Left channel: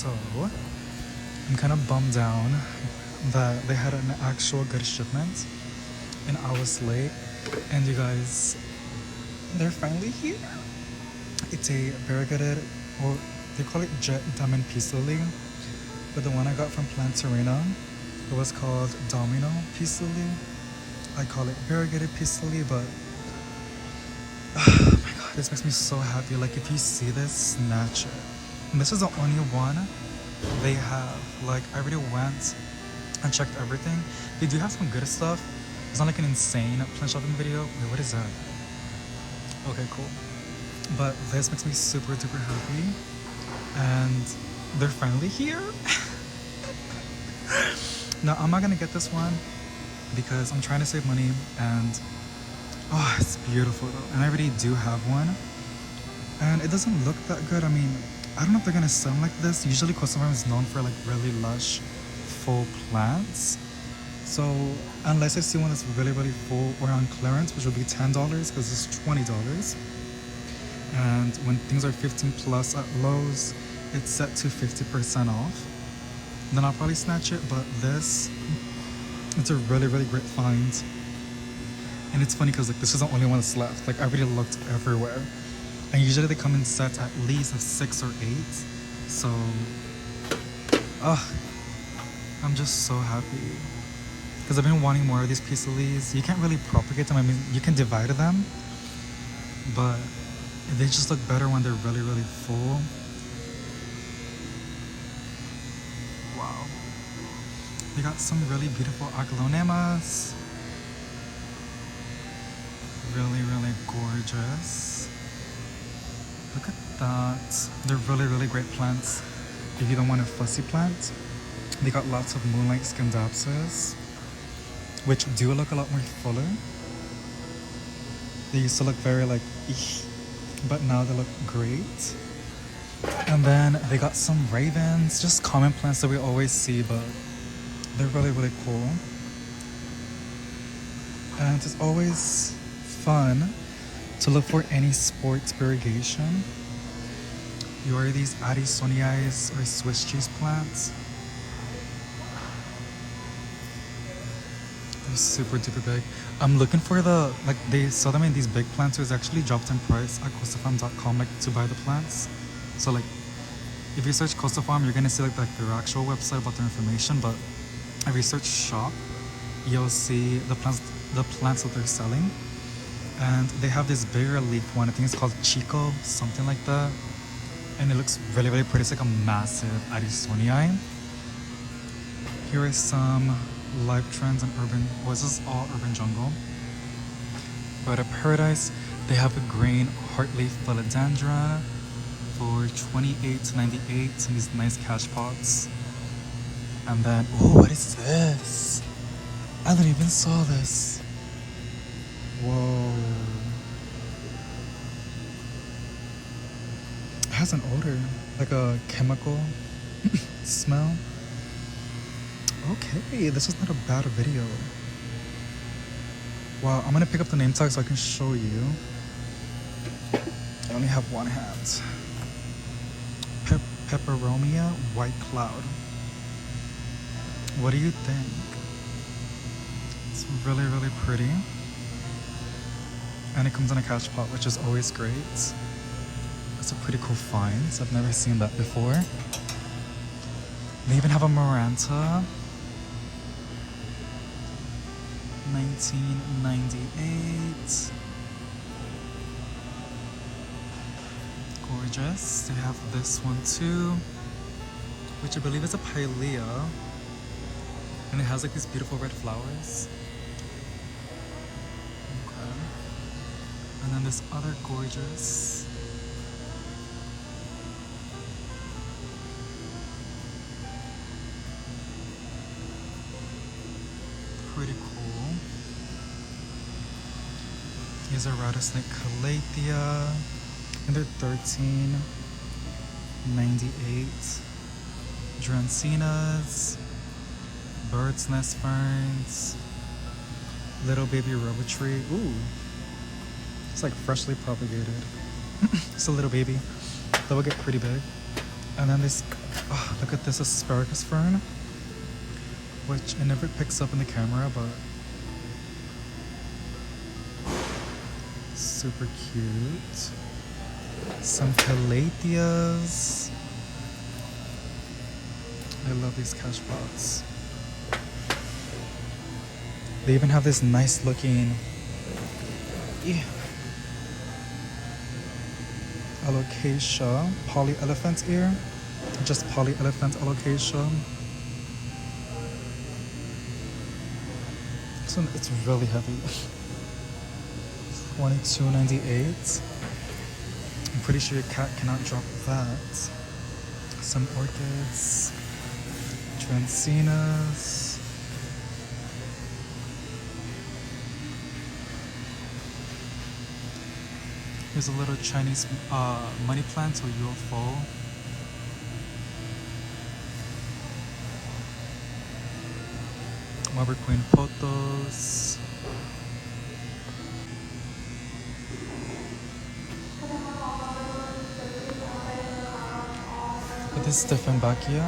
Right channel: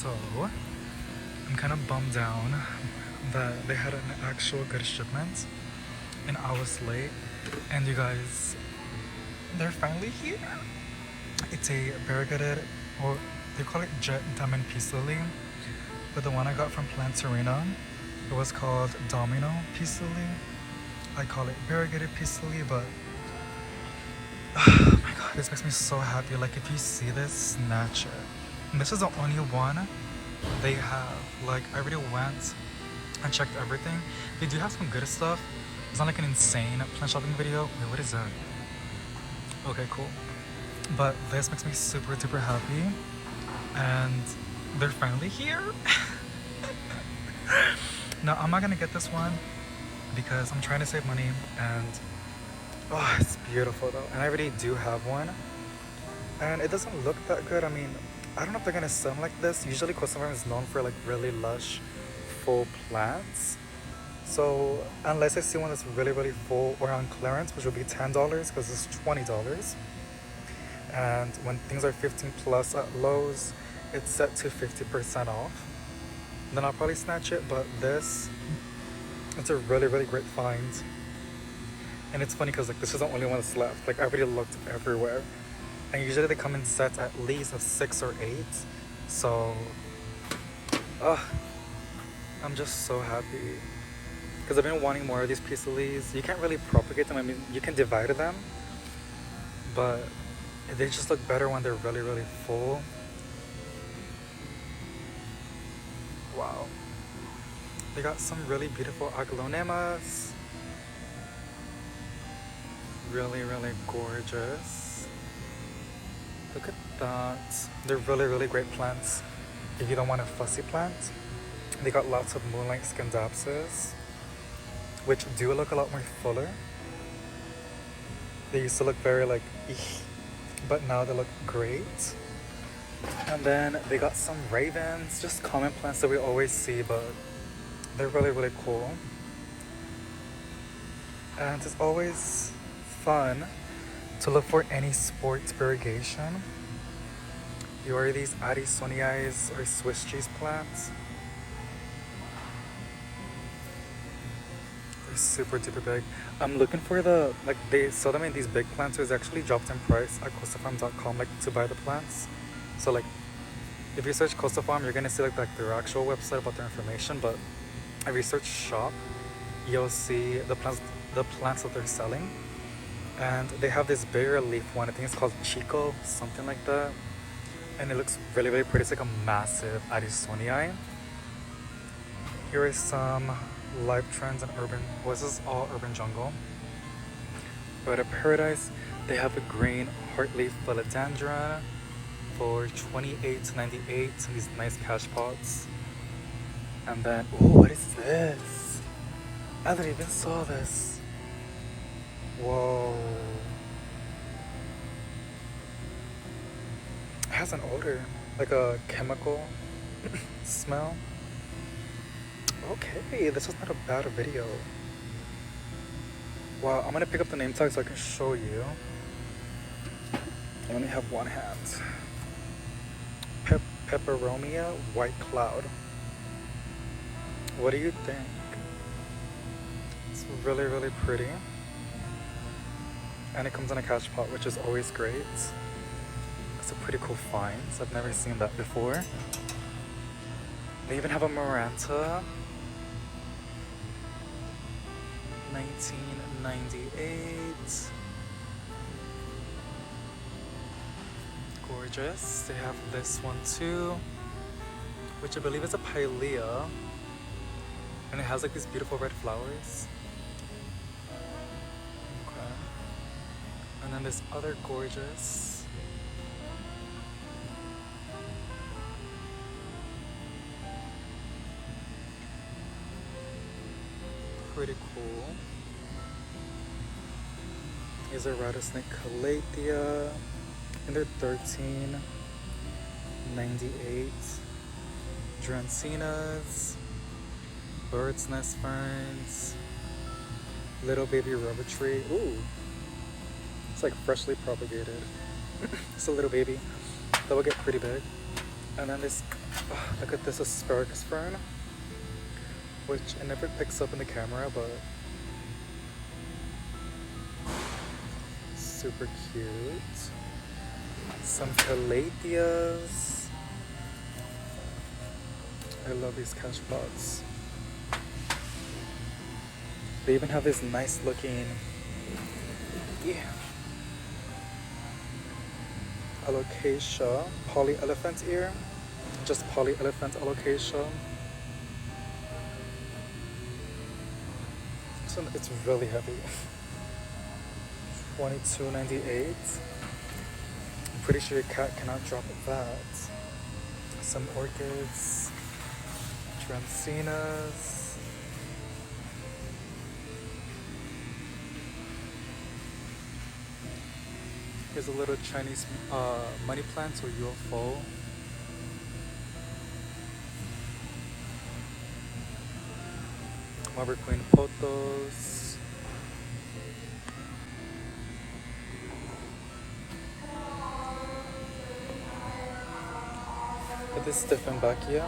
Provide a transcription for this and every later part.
So, I'm kind of bummed down that they had an actual good shipment and I was late. And you guys, they're finally here. It's a variegated, or they call it jet diamond peace lily. But the one I got from Plantarina, it was called Domino peace lily. I call it variegated peace lily, but oh my god, this makes me so happy. Like, if you see this, snatch it. And this is the only one they have. Like, I already went and checked everything. They do have some good stuff. It's not like an insane plant shopping video. Wait, what is that? Okay, cool. But this makes me super duper happy. And they're finally here. Now, I'm not gonna get this one because I'm trying to save money, and oh, it's beautiful though. And I already do have one. And it doesn't look that good. I mean, I don't know if they're gonna sell like this. Usually Costa Farm is known for like really lush, full plants. So unless I see one that's really, really full or on clearance, which will be $10 because it's $20. And when things are 15 plus at Lowe's, it's set to 50% off. Then I'll probably snatch it, but this, it's a really, really great find. And it's funny because like this is the only one that's left. Like, I already looked everywhere. And usually they come in sets at least of 6 or 8. So, I'm just so happy. Because I've been wanting more of these peace lilies. You can't really propagate them. I mean, you can divide them. But they just look better when they're really, really full. Wow. They got some really beautiful aglaonemas. Really, really gorgeous. Look at that. They're really, really great plants. If you don't want a fussy plant, they got lots of moonlight scandapsus, which do look a lot more fuller. They used to look very like eek, but now they look great. And then they got some ravens, just common plants that we always see, but they're really, really cool. And it's always fun to look for any sports variegation. You are these Addisoniais or Swiss cheese plants. They're super duper big. I'm looking for the, like, they sell them in these big plants. It's actually dropped in price at costafarm.com, like, to buy the plants. So like, if you search Costa Farm, you're gonna see like their actual website about their information. But if you search shop, you'll see the plants that they're selling. And they have this bigger leaf one. I think it's called Chico, something like that. And it looks really, really pretty. It's like a massive Addisonii. Here is some life trends and urban. Well, this is all urban jungle. But at Paradise, they have a green heartleaf philodendron for $28 to $98 in these nice cash pots. And then, oh, what is this? I didn't even saw this. Whoa. It has an odor, like a chemical smell. Okay, this is not a bad video. Wow, I'm gonna pick up the name tag so I can show you. I only have one hand. Peperomia White Cloud. What do you think? It's really, really pretty. And it comes in a cash pot, which is always great. It's a pretty cool find. I've never seen that before. They even have a Maranta. 1998. Gorgeous. They have this one too, which I believe is a Pilea. And it has like these beautiful red flowers. Okay. And then this other gorgeous. Pretty cool. Here's a rattlesnake calathea. And they're $13.98. Dracaenas, bird's nest ferns, little baby rubber tree. Ooh, it's like freshly propagated. It's a little baby that will get pretty big. And then this, oh, look at this asparagus fern, which it never picks up in the camera, but super cute. Some calatheas. I love these cash pots. They even have this nice looking alocasia, poly elephant ear. Just poly elephant alocasia. This one, it's really heavy. $22.98. I'm pretty sure your cat cannot drop that. Some orchids, Dracaenas. Here's a little Chinese money plant or UFO. Marble Queen photos. Look at this Steffenbachia.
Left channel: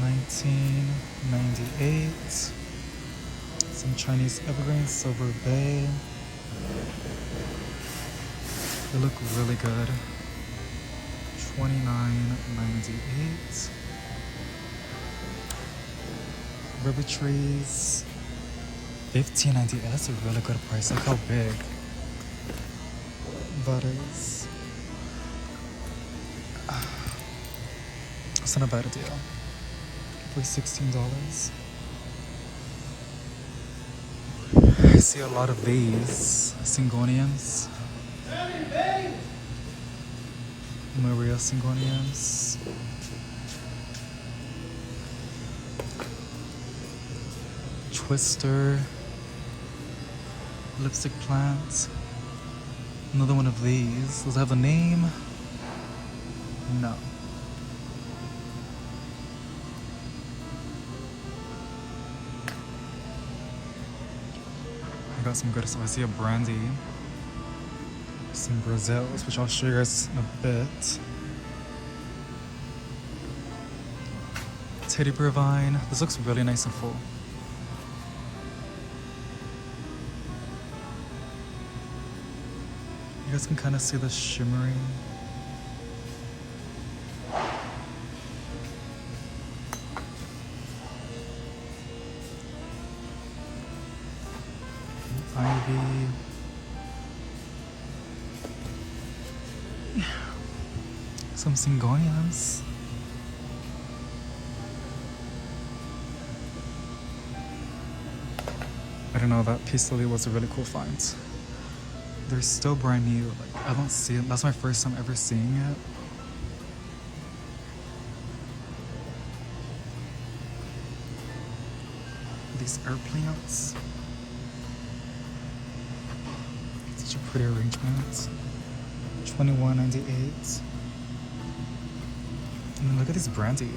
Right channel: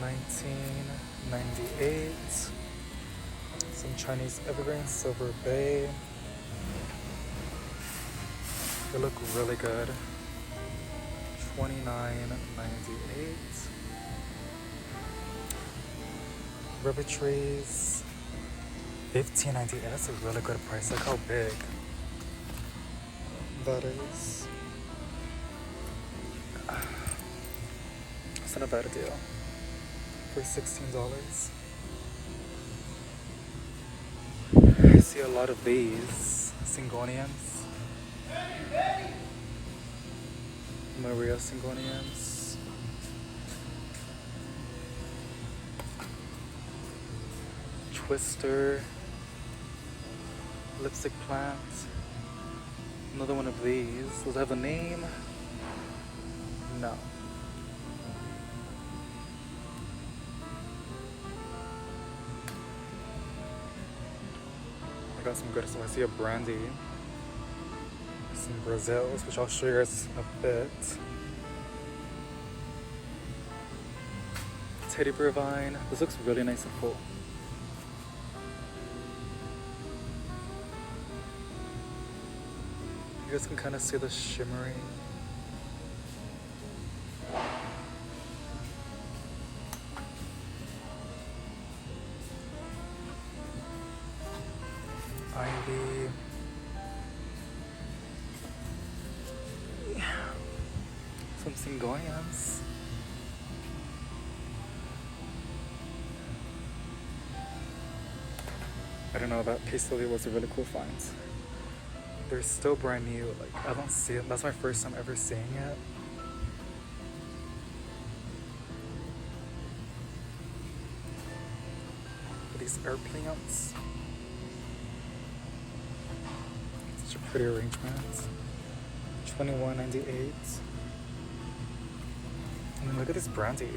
$19.98. Some Chinese evergreen, Silver Bay. They look really good. $29.98. Ruby trees. $15.98. That's a really good price. Look how big that is. It's not a bad deal. For $16. I see a lot of these Syngoniums. Maria Syngoniums. Twister. Lipstick plant. Another one of these. Does it have a name? No. Got some good stuff. I see a brandy, some Brazils, which I'll show you guys in a bit. Teddy bear vine. This looks really nice and full. You guys can kind of see the shimmering. Ivy. Some Syngoniums. I don't know, that Peace Lily was a really cool find. They're still brand new. Like, I don't see it. That's my first time ever seeing it. These airplanes. Such a pretty arrangement. $21.98. And look at this brandy.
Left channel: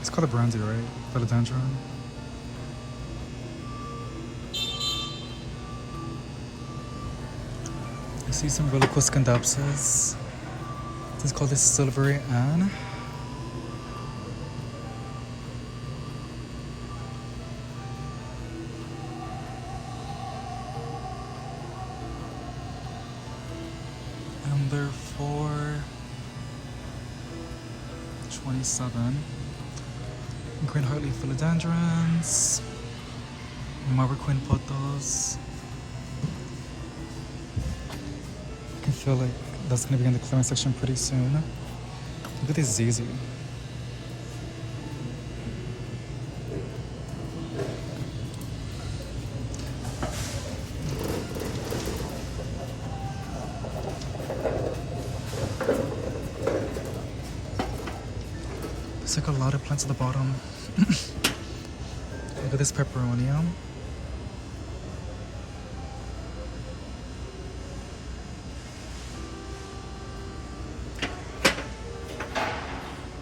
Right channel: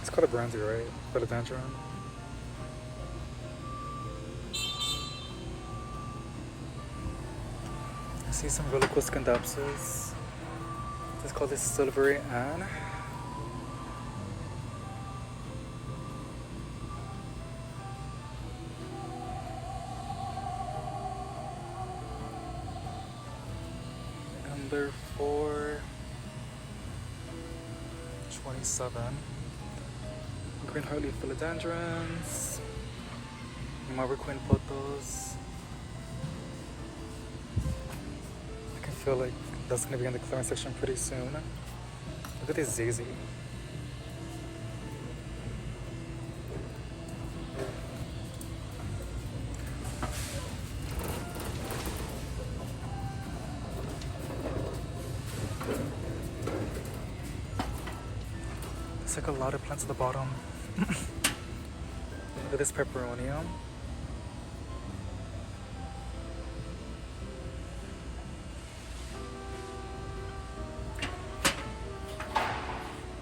It's called a brandy, right? Philodendron. I see some really cool Scandapsus. This is called the Silvery Anne. Number 427. Green Hartley Philodendrons. Marble Queen photos. I can feel like that's gonna be in the clearance section pretty soon. Look at this ZZ. There's like a lot of plants at the bottom. Look at this Peperonium.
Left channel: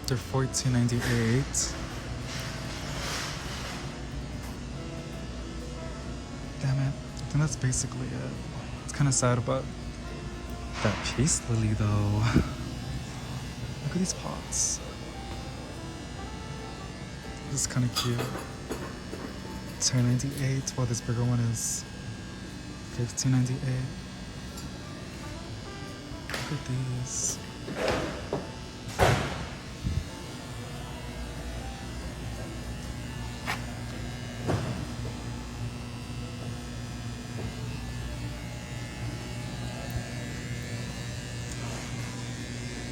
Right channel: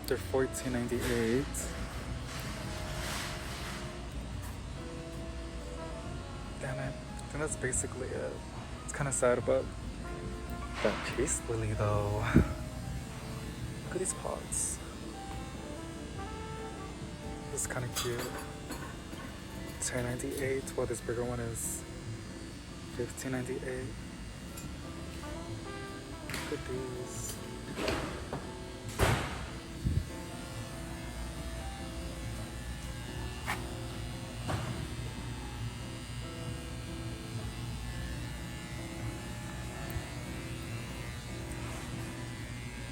They're $14.98. Damn it. I think that's basically it. It's kind of sad, but that peace lily though. Look at these pots. This is kind of cute. $10.98. Well, this bigger one is $15.98. Look at these.